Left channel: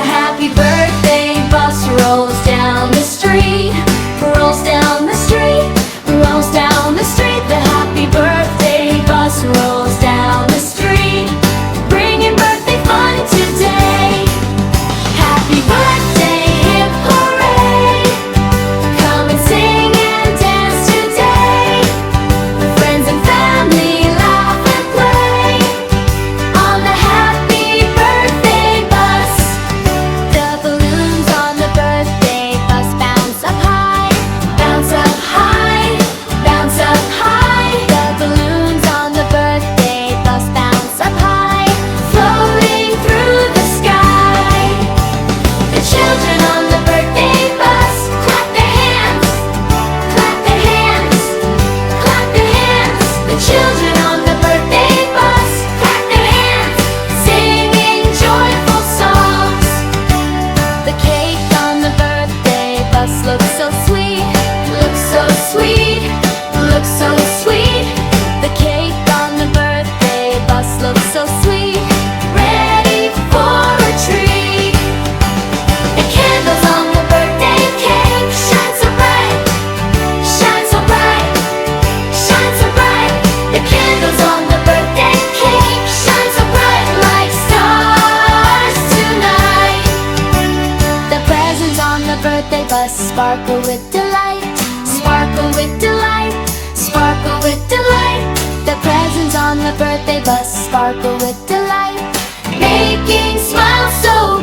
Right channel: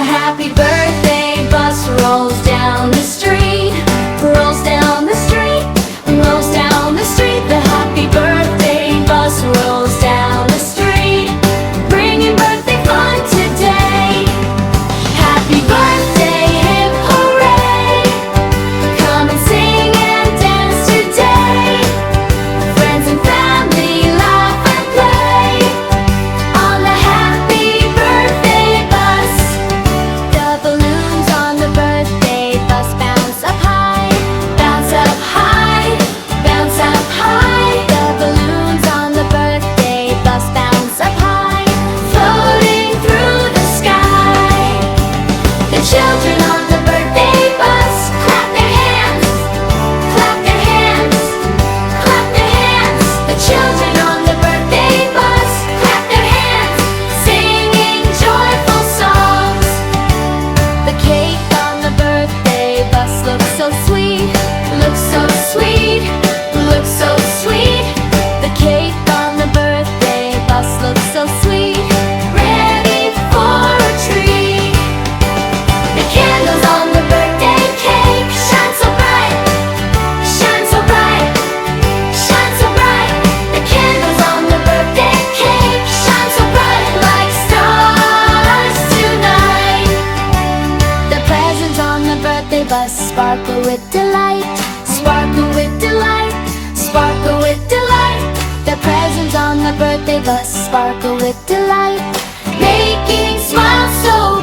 The happy birthday bus rolls down the street, rolls down the street, rolls down the street. The happy birthday bus rolls down the street, bringing birthday fun today. Happy birthday, hip hooray! Come and sing and dance today. Friends and family laugh and play on the happy birthday bus. The balloons on the birthday bus bounce up high, bounce up high, bounce up high. The balloons on the birthday bus bounce up high, floating through the sky. The children on the birthday bus clap their hands, clap their hands, clap their hands. The children on the birthday bus clap their hands, singing joyful songs. The cake on the birthday bus looks so sweet, looks so sweet, looks so sweet. The cake on the birthday bus looks so sweet, ready for a treat. The candles on the birthday cake shine so bright, shine so bright, shine so bright. The candles on the birthday cake shine so bright like stars tonight. The presents on the birthday bus sparkle with delight, sparkle with delight, sparkle with delight. The presents on the birthday bus sparkle with delight, making smiles so